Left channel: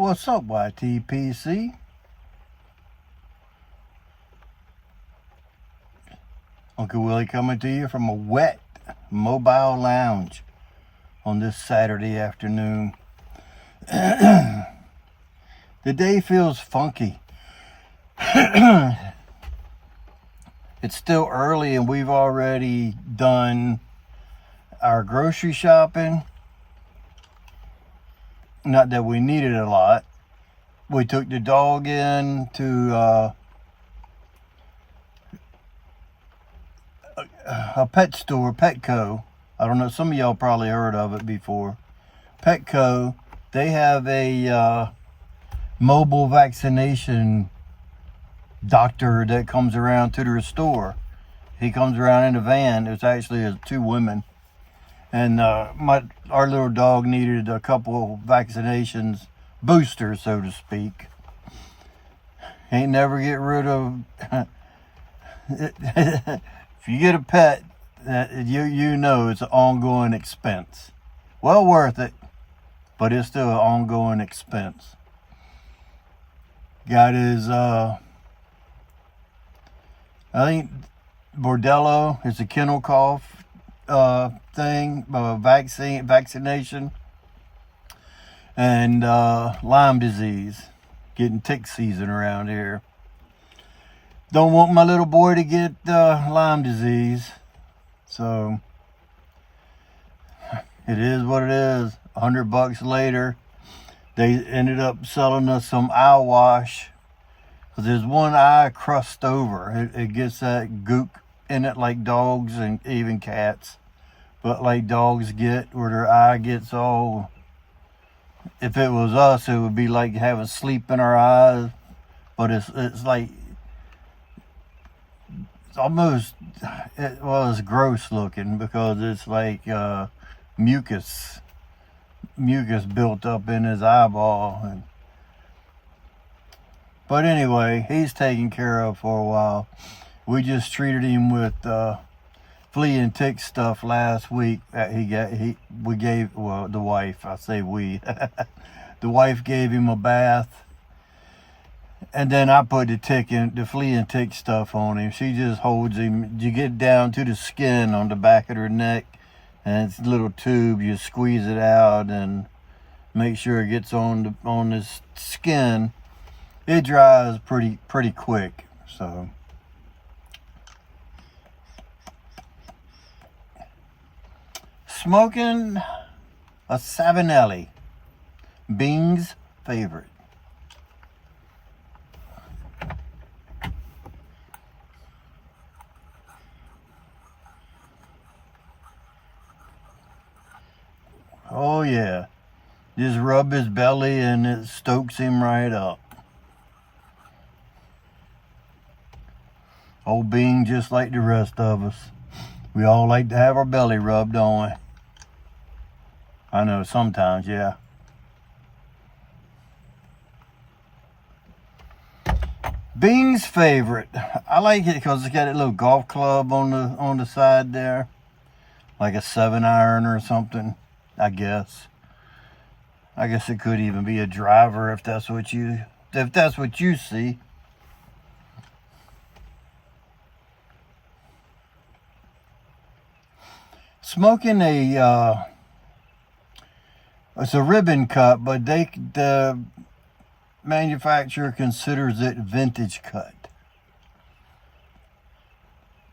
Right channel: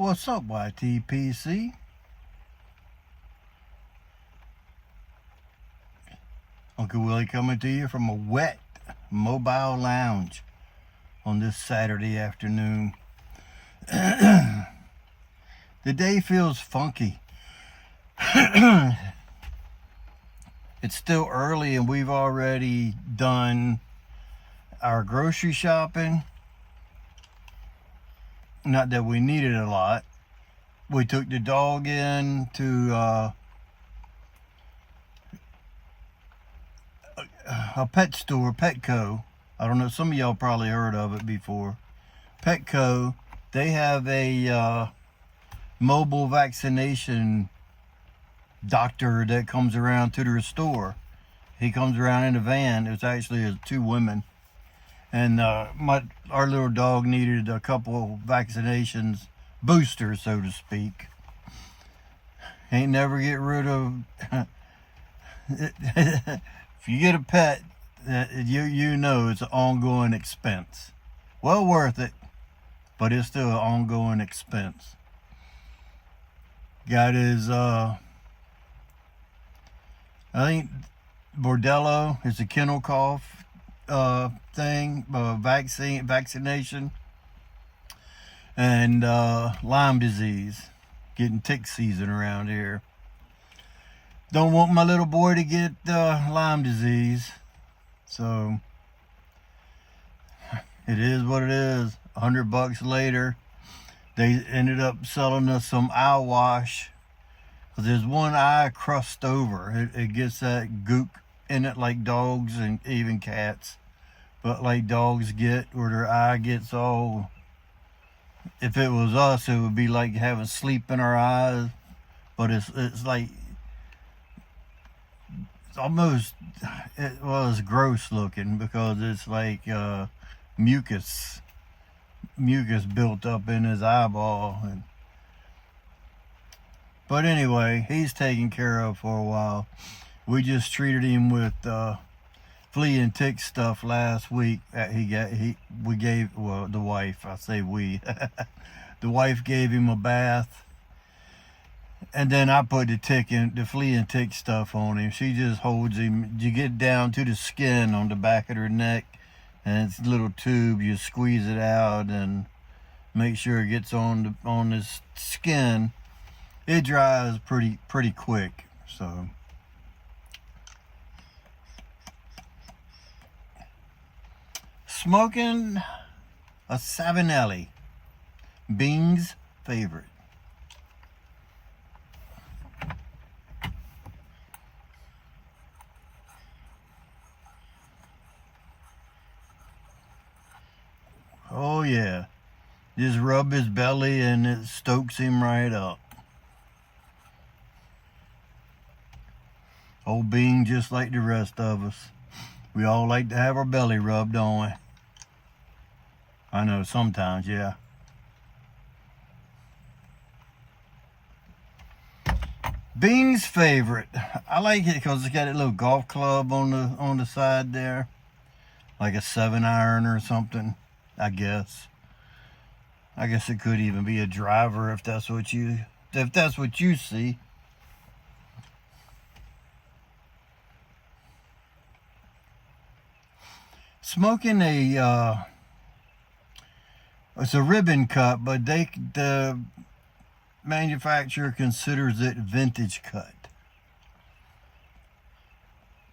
What's up, YTPC? Uncle Willie coming to you from a wet mobile lounge on this Saturday afternoon. The day feels funky. It's still early and we've already done our grocery shopping. Not that we needed a lot. We took the dog in to a pet store, Petco. I don't know, some of y'all probably heard of it before. Petco, they have a mobile vaccination doctor that comes around to their store. He comes around in a van. There's actually two women. And our little dog needed a couple vaccinations, boosters, so to speak. Ain't never get rid of... If you get a pet, you know it's an ongoing expense. Well worth it, but it's still an ongoing expense. Got his, I think Bordello is the kennel cough thing, vaccination, and Lyme disease. Getting tick season around here. Don't want my little boy to get Lyme disease, so it is what it is. $100 later, they ended up selling us some eye wash, because there's one eye crust over. It gets that goop in it like dogs and even cats, but like dogs get, where their eye gets all, if it was us, it would be like having sleep in our eyes, but it's like, it's almost, it's gross looking, because it's like mucus built up in his eyeball. But anyway, he's taken care of for a while. We just treated him with flea and tick stuff last week. The wife, I say we, the wife gave him a bath. And then I put the flea and tick stuff on him. She just holds him. You get down to the skin on the back of her neck, and it's a little tube. You squeeze it out and make sure it gets on his skin. It dries pretty quick. So smoking a Savinelli, Bing's favorite. Oh yeah, just rub his belly and it stokes him right up. Old Bean, just like the rest of us, we all like to have our belly rubbed, don't we? I know sometimes, yeah. Bean's favorite. I like it because it's got a little golf club on the side there, like a 7-iron or something. I guess it could even be a driver if that's what you see. Smoking it's a ribbon cut, but the manufacturer considers it vintage cut.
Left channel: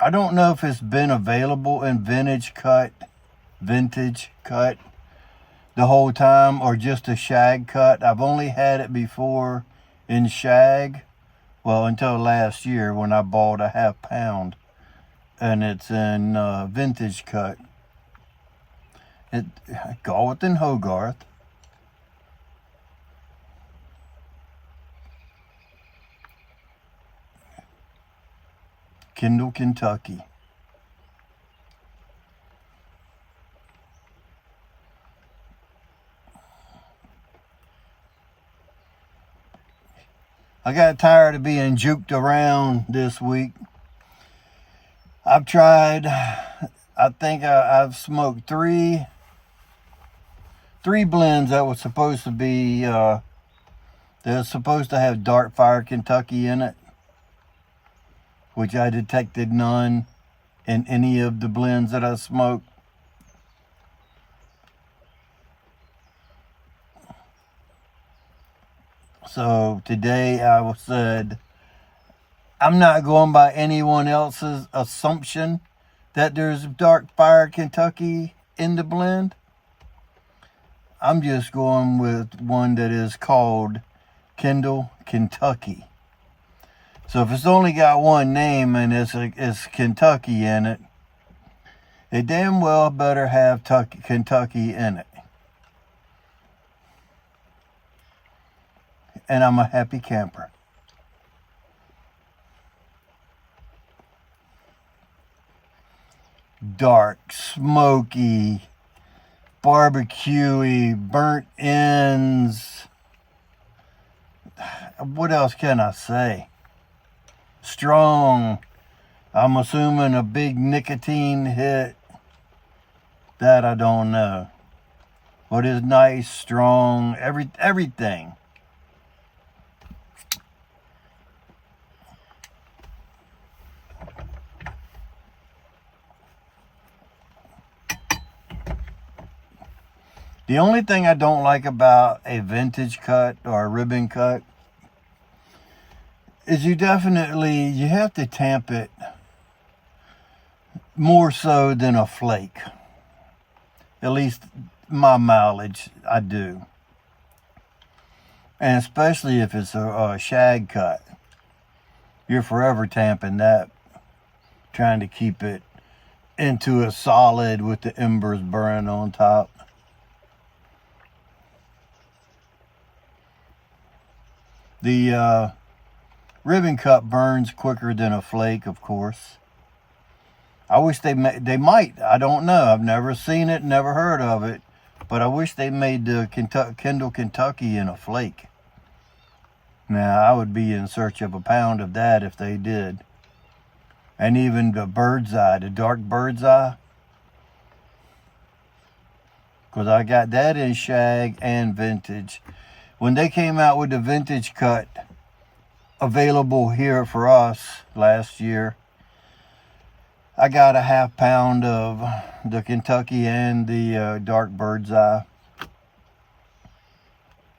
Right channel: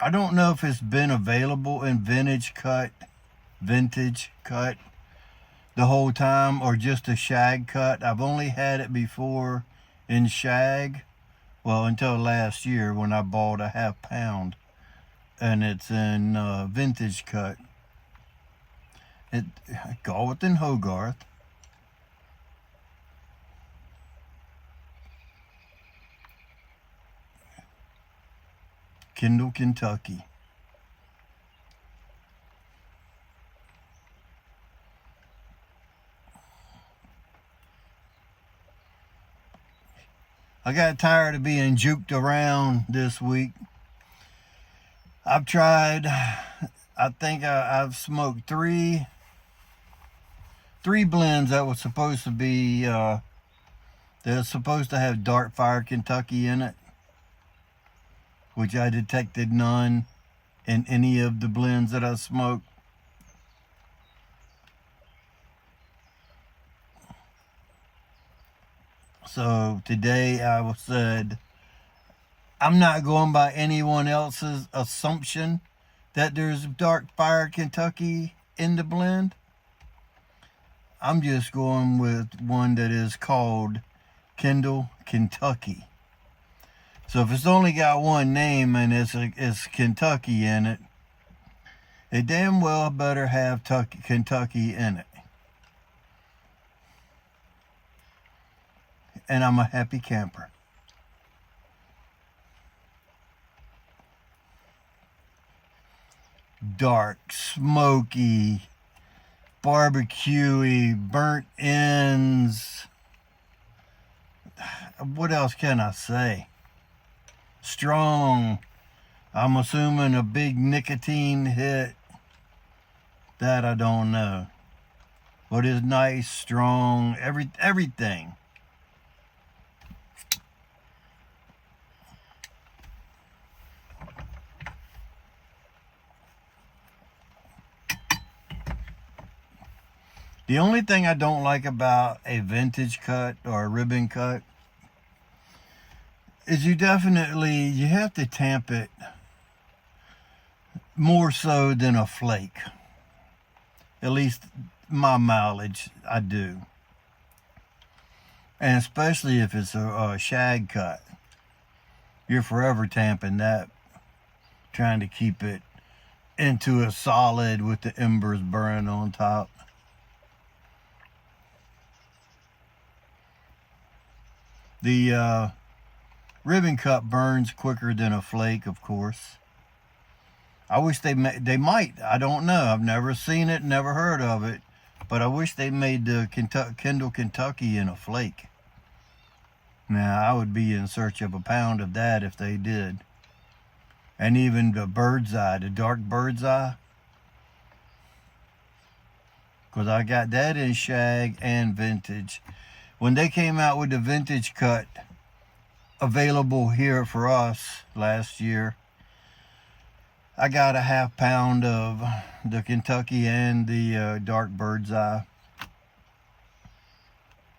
I don't know if it's been available in vintage cut the whole time, or just a shag cut. I've only had it before in shag, well, until last year when I bought a half pound, and it's in vintage cut. Galwith and Hogarth. Kendal, Kentucky. I got tired of being juked around this week. I've tried, I think I've smoked three blends that was supposed to be They're supposed to have Dark Fire Kentucky in it, which I detected none in any of the blends that I smoked. So today I said, I'm not going by anyone else's assumption that there's Dark Fire Kentucky in the blend. I'm just going with one that is called Kendal Kentucky. So if it's only got one name and it's Kentucky in it, they damn well better have Kentucky in it. And I'm a happy camper. Dark, smoky, barbecuey, burnt ends. What else can I say? Strong. I'm assuming a big nicotine hit. That I don't know. But it's nice, strong, everything. The only thing I don't like about a vintage cut or a ribbon cut is you have to tamp it more so than a flake. At least my mileage, I do. And especially if it's a shag cut. You're forever tamping that, trying to keep it into a solid with the embers burning on top. The ribbon cut burns quicker than a flake, of course. I wish they might. I don't know. I've never seen it, never heard of it. But I wish they made the Kendal Kentucky in a flake. Now, I would be in search of a pound of that if they did. And even the bird's eye, the dark bird's eye. Because I got that in shag and vintage. When they came out with the vintage cut available here for us last year, I got a half pound of the Kentucky and the dark bird's eye.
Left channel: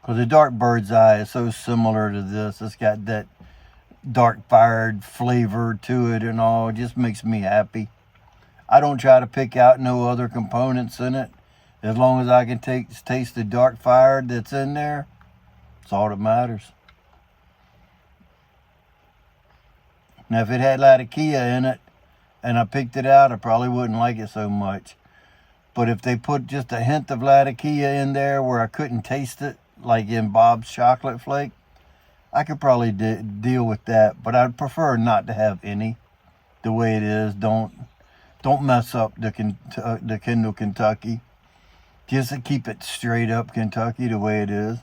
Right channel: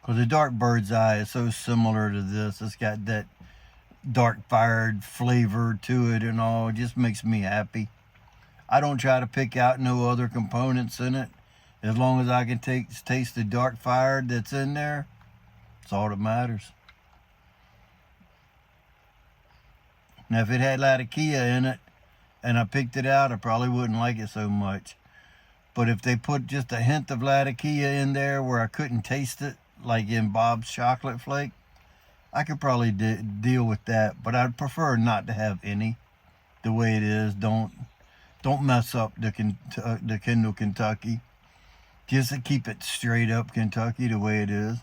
Because the dark bird's eye is so similar to this. It's got that dark fired flavor to it and all. It just makes me happy. I don't try to pick out no other components in it. As long as I can taste the dark fired that's in there, that's all that matters. Now, if it had Latakia in it and I picked it out, I probably wouldn't like it so much. But if they put just a hint of Latakia in there where I couldn't taste it, like in Bob's Chocolate Flake, I could probably deal with that. But I'd prefer not to have any the way it is. Don't mess up the Kendal Kentucky. Just to keep it straight up Kentucky the way it is.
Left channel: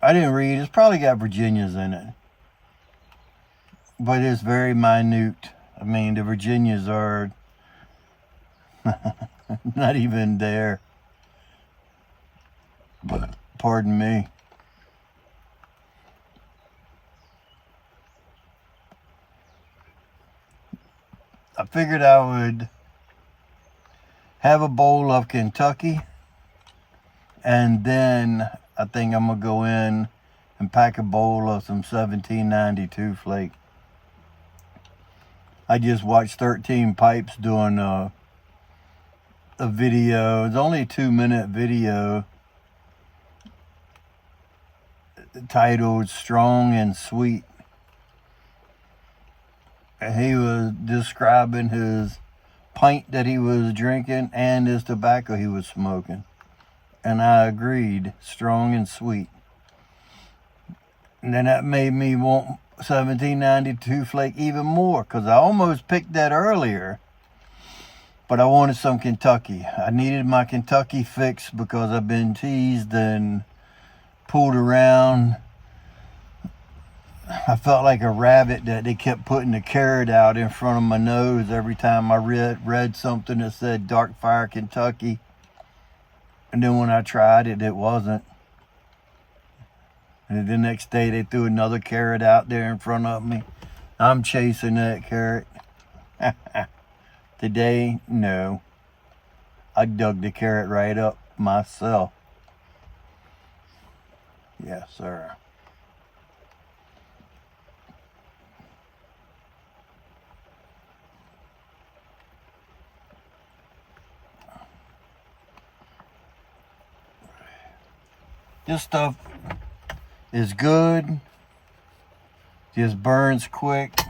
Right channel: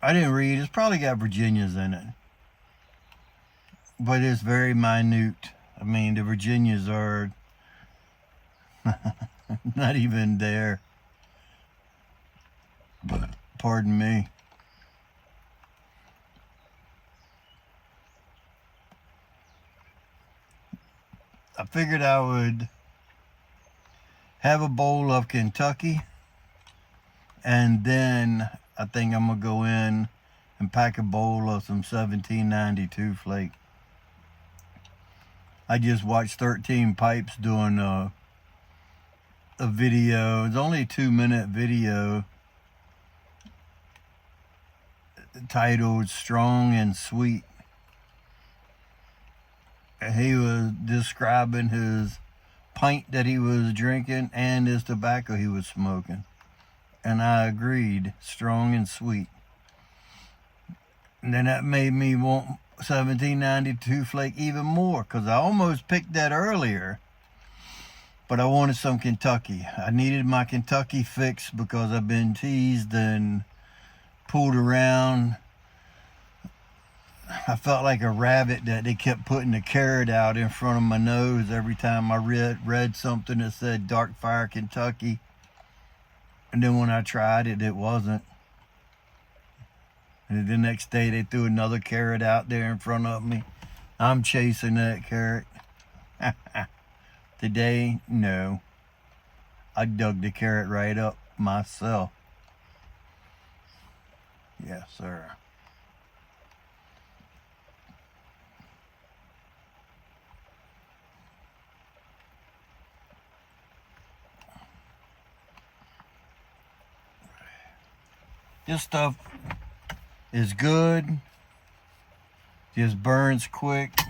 I didn't read. It's probably got Virginias in it. But it's very minute. I mean, the Virginias are not even there. But, pardon me. I figured I would have a bowl of Kentucky, and then I think I'm going to go in and pack a bowl of some 1792 flake. I just watched 13 Pipes doing a video. It's only a 2-minute video titled Strong and Sweet. He was describing his pint that he was drinking and his tobacco he was smoking. And I agreed, strong and sweet. And then that made me want 1792 flake even more, because I almost picked that earlier. But I wanted some Kentucky. I needed my Kentucky fix because I've been teased and pulled around. I felt like a rabbit that they kept putting the carrot out in front of my nose every time I read something that said Dark Fire Kentucky. And then when I tried it, it wasn't. And the next day they threw another carrot out there in front of me. I'm chasing that carrot. Today, no. I dug the carrot right up myself. Yes, sir. This stuff is good. Just burns quick.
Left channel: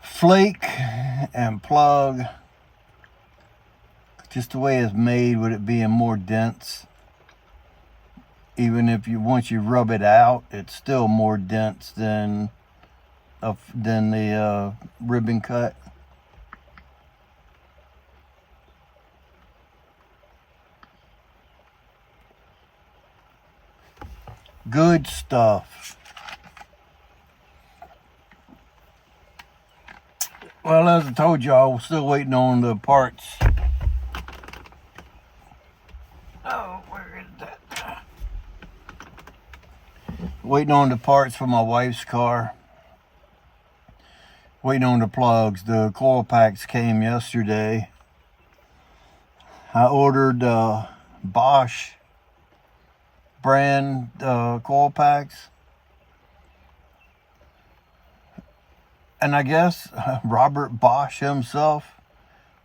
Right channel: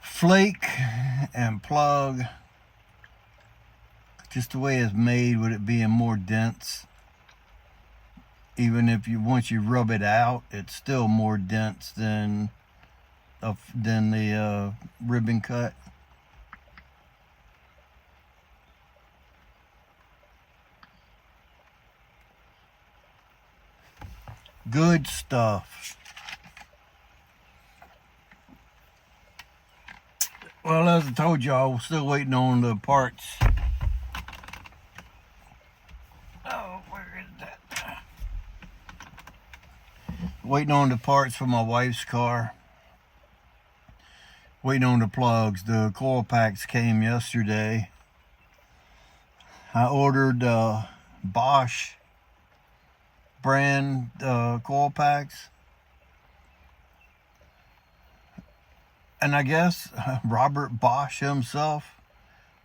Flake and plug. Just the way it's made, with it being more dense. Even if once you rub it out, it's still more dense than the ribbon cut. Good stuff. Well, as I told y'all, we're still waiting on the parts. Oh, where is that? Waiting on the parts for my wife's car. Waiting on the plugs. The coil packs came yesterday. I ordered Bosch brand coil packs, and I guess Robert Bosch himself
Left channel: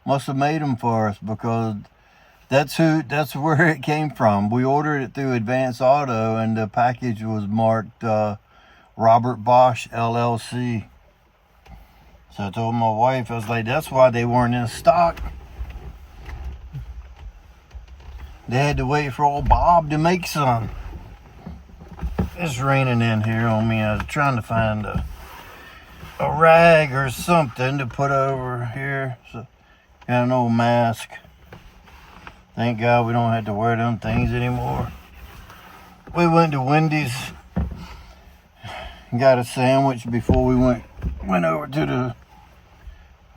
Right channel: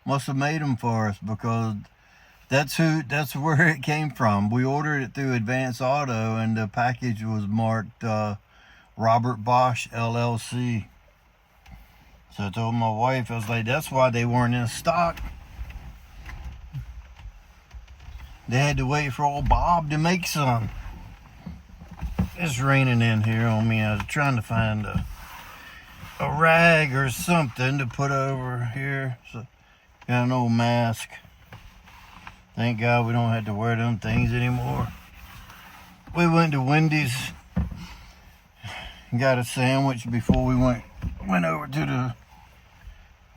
must have made them for us, because that's where it came from. We ordered it through Advance Auto, and the package was marked Robert Bosch LLC. So I told my wife, I was like, that's why they weren't in stock. They had to wait for old Bob to make some. It's raining in here on me. I was trying to find a rag or something to put over here. So, got an old mask. Thank God we don't have to wear them things anymore. We went to Wendy's, got a sandwich before we went over to the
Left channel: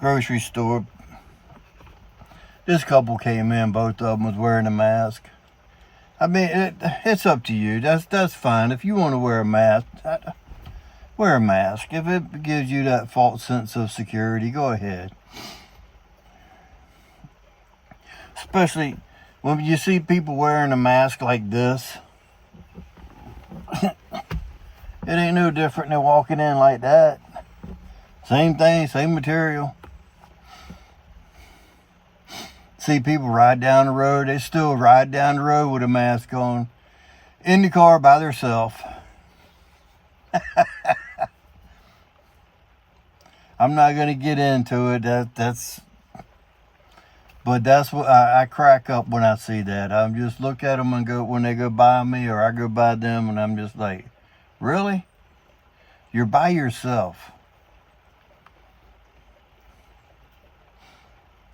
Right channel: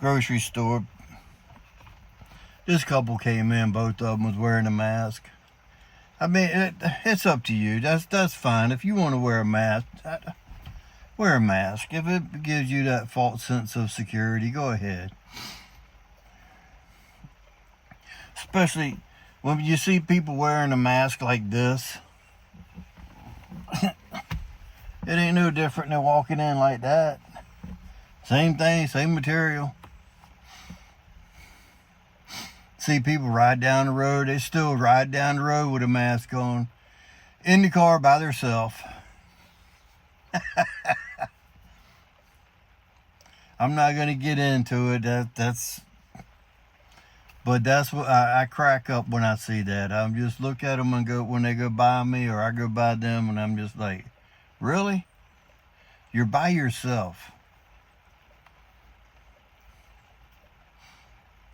grocery store. This couple came in, both of them was wearing a mask. I mean, it's up to you. That's fine. If you want to wear a mask, wear a mask. If it gives you that false sense of security, go ahead. Especially when you see people wearing a mask like this. It ain't no different than walking in like that. Same thing, same material. See people ride down the road, they still ride down the road with a mask on, in the car by themselves. I'm not going to get into it. But that's what I crack up when I see that. I just look at them and go, when they go by me or I go by them, and I'm just like, really? You're by yourself.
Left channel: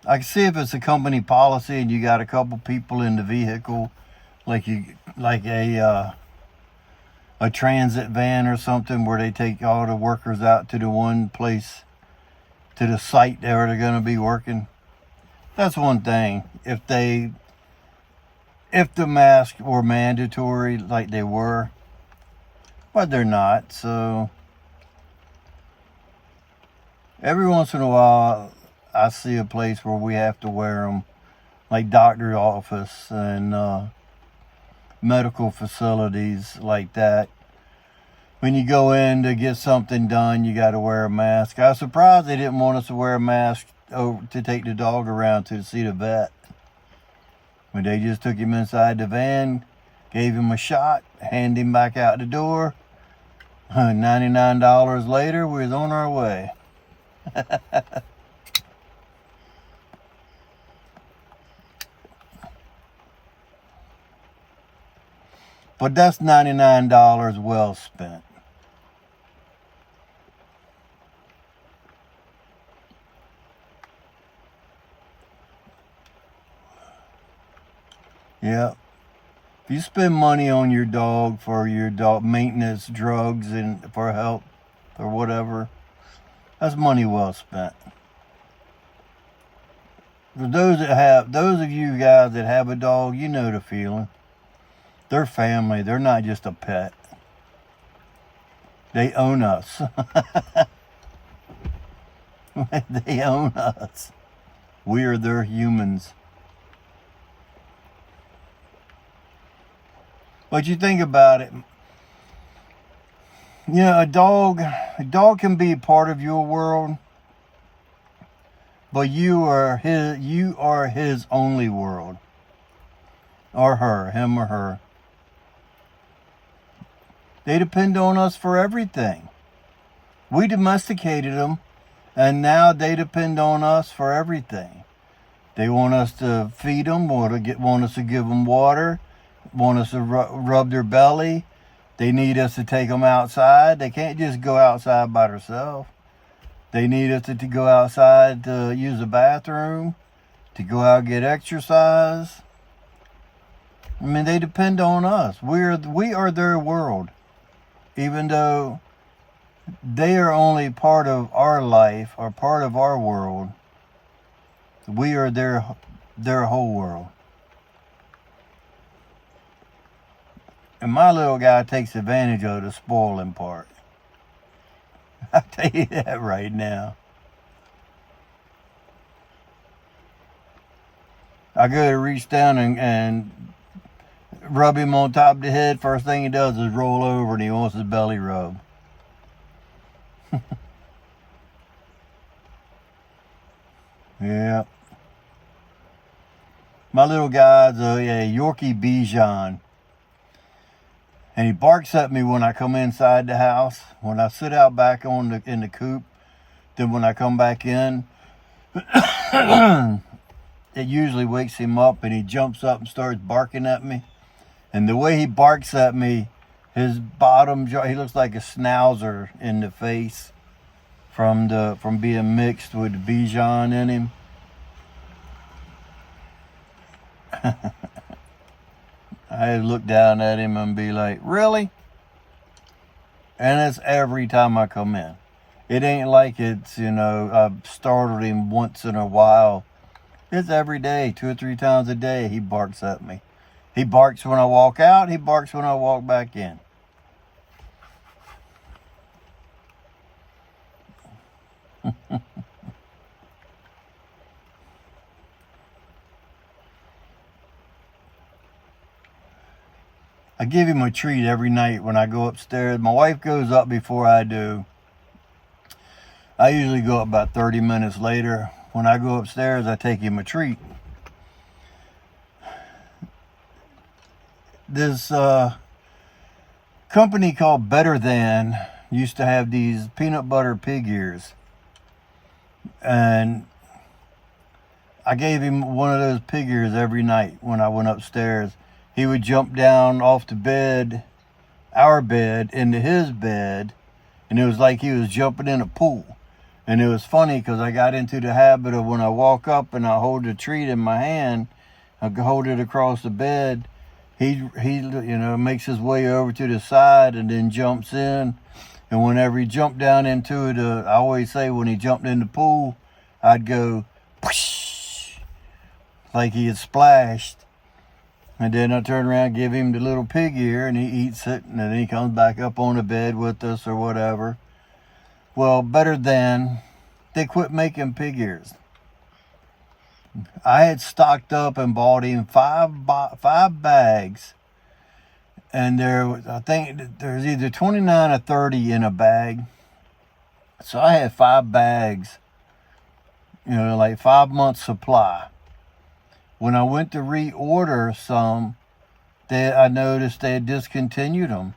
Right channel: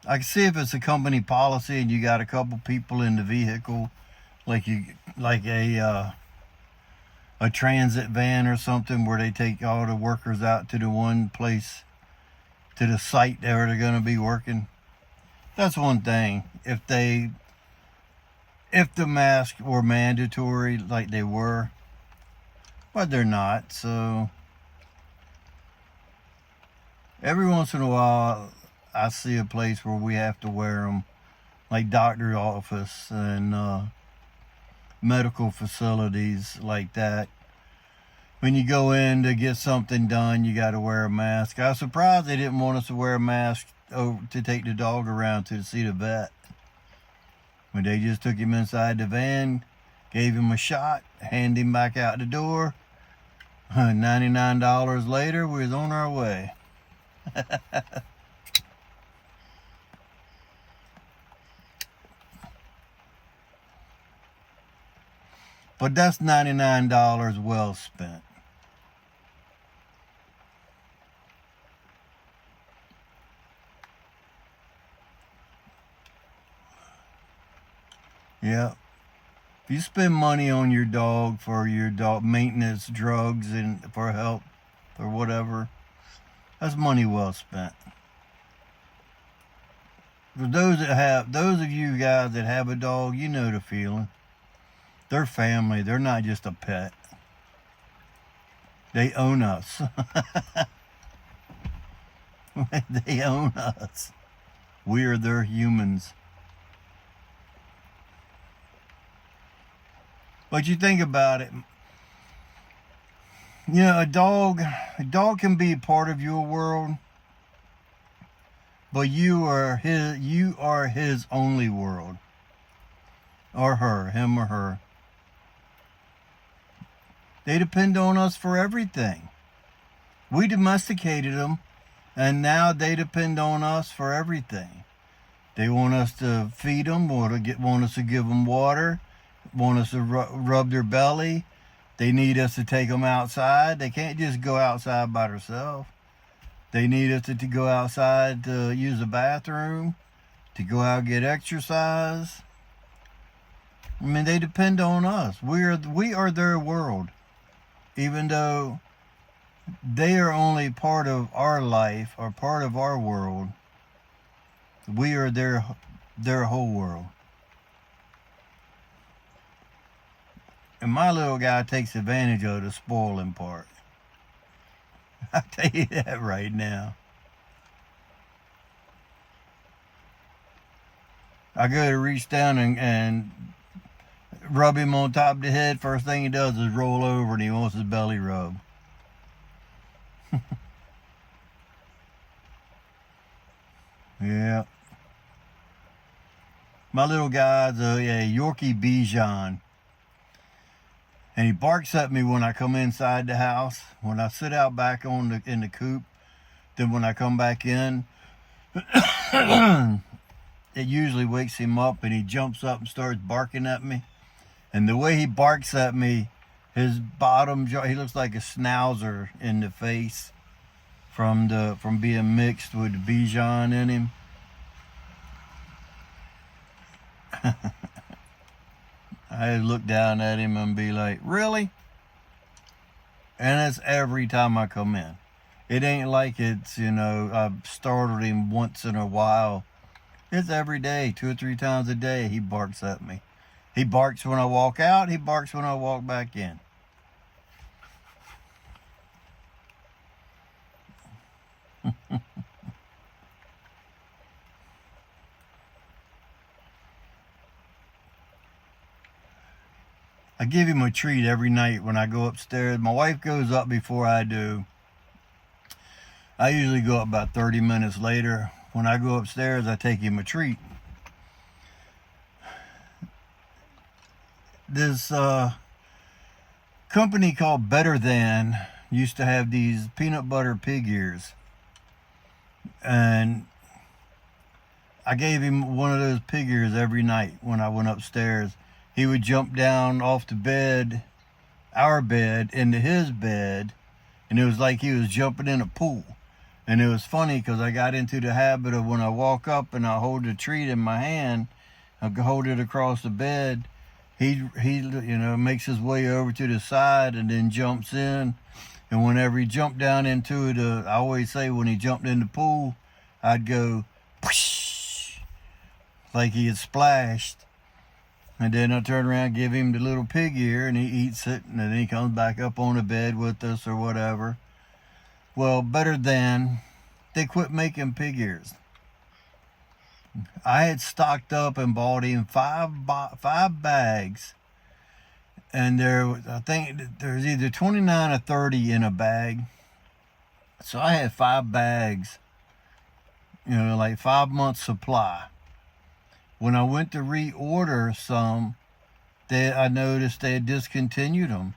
I can see if it's a company policy and you got a couple people in the vehicle, like a transit van or something, where they take all the workers out to the one place, to the site where they're going to be working. That's one thing. If the masks were mandatory like they were, but they're not. So every once in a while, I see a place where we have to wear them, like doctor's office and medical facilities like that. When you go in to get something done, you got to wear a mask. I was surprised they didn't want us to wear a mask to take the dog around to see the vet. But they just took him inside the van, gave him a shot, handed him back out the door. $99 later, we was on our way. But that's $99 well spent. Yeah. If you spend money on your dog for your dog maintenance, drugs, and for help, or whatever, that's money well spent. For those of you guys that have a dog, you know the feeling. They're family. They're not just a pet. They own us. They own us. We are their humans. But you think about it, you know, a dog can be part of your world, but you are his only world. Or her, him or her. They depend on us for everything. We domesticated them, and now they depend on us for everything. They want us to feed them, want us to give them water, want us to rub their belly. They need us to take them outside. They can't just go outside by themselves. They need us to go outside to use the bathroom, to go out and get exercise. I mean, they depend on us. We are their world. Even though they are only part of our life or part of our world, we are their whole world. And my little guy takes advantage of the spoiling part. I'll tell you that right now. I go to reach down and rub him on top of the head. First thing he does is roll over and he wants his belly rubbed. Yeah. My little guy's a Yorkie Bichon. And he barks at me when I come inside the house. When I sit out back in the coop, then when I come back in, it usually wakes him up and he jumps up and starts barking at me. And the way he barks at me, his bottom jaw, he looks like a schnauzer in the face from being mixed with Bichon in him. I look down at him and be like, really? And it's every time I come in. It ain't like it's, you know, I've startled him once in a while. It's every day, 2 or 3 times a day, he barks at me. He barks when I walk out, he barks when I walk back in. I give him a treat every night when I go upstairs. My wife goes up before I do. I usually go up about 30 minutes later. When I go upstairs, I take him a treat. This company called Better Than used to have these peanut butter pig ears. And I gave him one of those pig ears every night when I went upstairs. He would jump down off the bed, our bed, into his bed, and it was like he was jumping in a pool. And it was funny because I got into the habit of when I walk up and I hold the treat in my hand, I hold it across the bed, he you know, makes his way over to the side and then jumps in. And whenever he jumped down into it, I always say when he jumped in the pool, I'd go, whoosh, like he had splashed. And then I turn around and give him the little pig ear, and he eats it, and then he comes back up on the bed with us or whatever. Well, Better Than, they quit making pig ears. I had stocked up and bought him five bags, and I think there's either 29 or 30 in a bag. So I had 5 bags, you know, like 5 months supply. When I went to reorder some, I noticed they had discontinued them.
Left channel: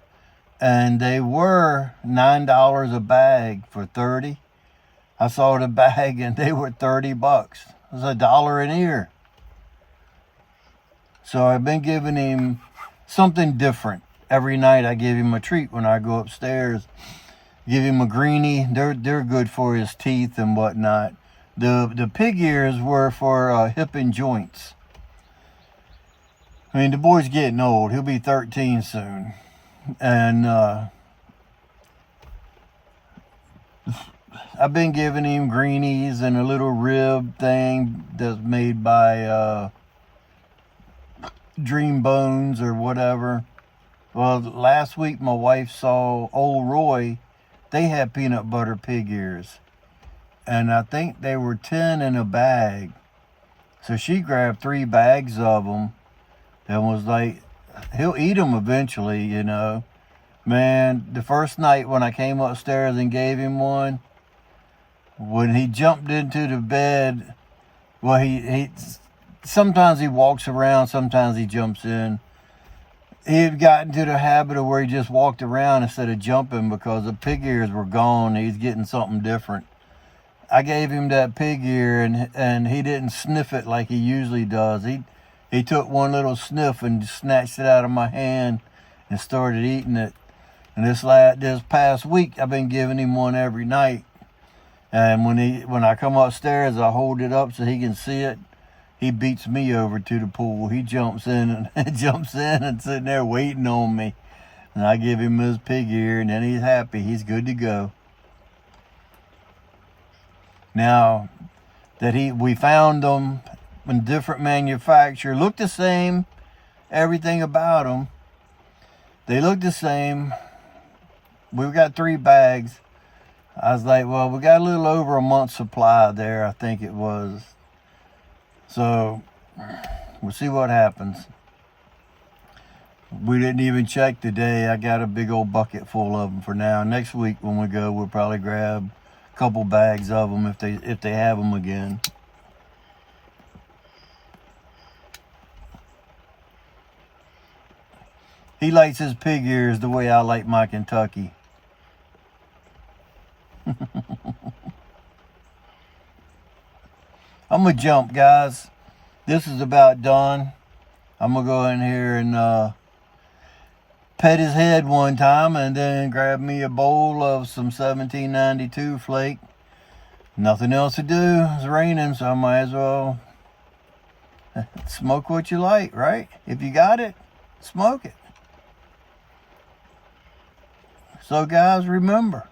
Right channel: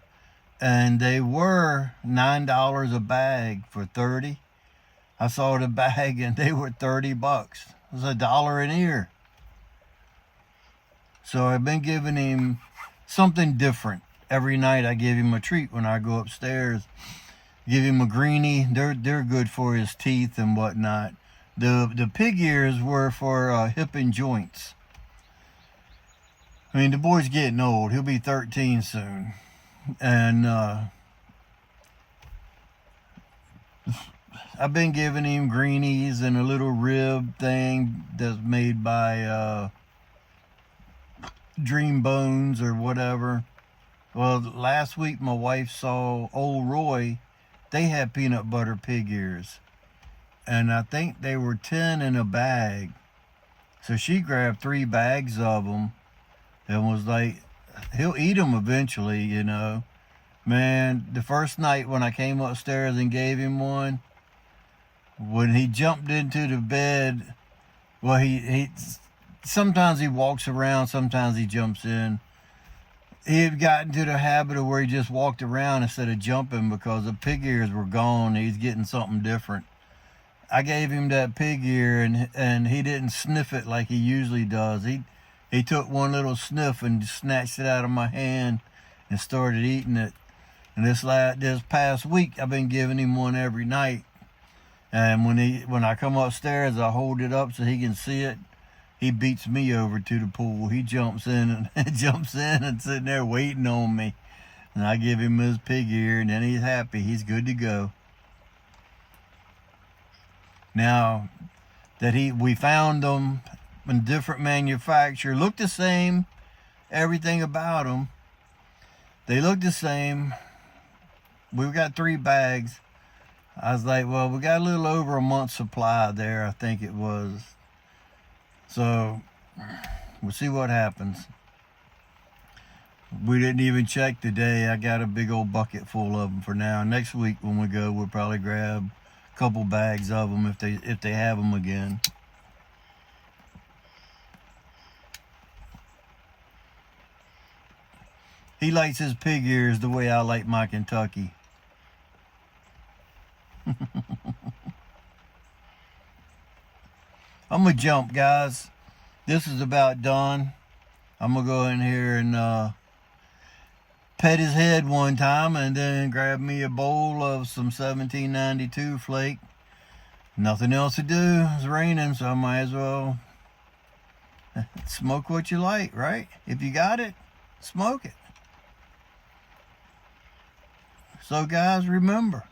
And they were $9 a bag for 30. I saw the bag and they were $30. It was $1 an ear. So I've been giving him something different. Every night I give him a treat when I go upstairs. Give him a greenie. They're good for his teeth and whatnot. The pig ears were for hip and joints. I mean, the boy's getting old. He'll be 13 soon. And I've been giving him greenies and a little rib thing that's made by Dream Bones or whatever. Well, last week my wife saw Old Roy. They had peanut butter pig ears. And I think they were 10 in a bag. So she grabbed 3 bags of them and was like, he'll eat them eventually, you know. Man, the first night when I came upstairs and gave him one, when he jumped into the bed, well, he sometimes he walks around, sometimes he jumps in. He had gotten to the habit of where he just walked around instead of jumping because the pig ears were gone. He's getting something different. I gave him that pig ear, and he didn't sniff it like he usually does. He took one little sniff and snatched it out of my hand and started eating it. And this past week, I've been giving him one every night. And when I come upstairs, I hold it up so he can see it. He beats me over to the pool. He jumps in and sitting there waiting on me. And I give him his pig ear, and then he's happy. He's good to go. Now that we found them in different manufacturer, look the same, everything about them. They look the same. We've got 3 bags. I was like, well, we got a little over a month's supply there, I think it was. So we'll see what happens. We didn't even check today. I got a big old bucket full of them for now. Next week when we go, we'll probably grab a couple bags of them if they have them again. He likes his pig ears the way I like my Kentucky. I'm gonna jump, guys. This is about done. I'm gonna go in here and pet his head one time and then grab me a bowl of some 1792 flake. Nothing else to do. It's raining, so I might as well smoke what you like, right? If you got it, smoke it. So guys, remember,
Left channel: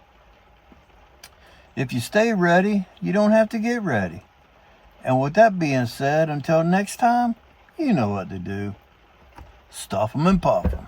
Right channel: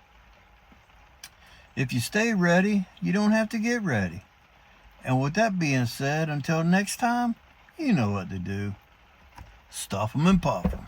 if you stay ready, you don't have to get ready. And with that being said, until next time, you know what to do. Stuff 'em and puff 'em.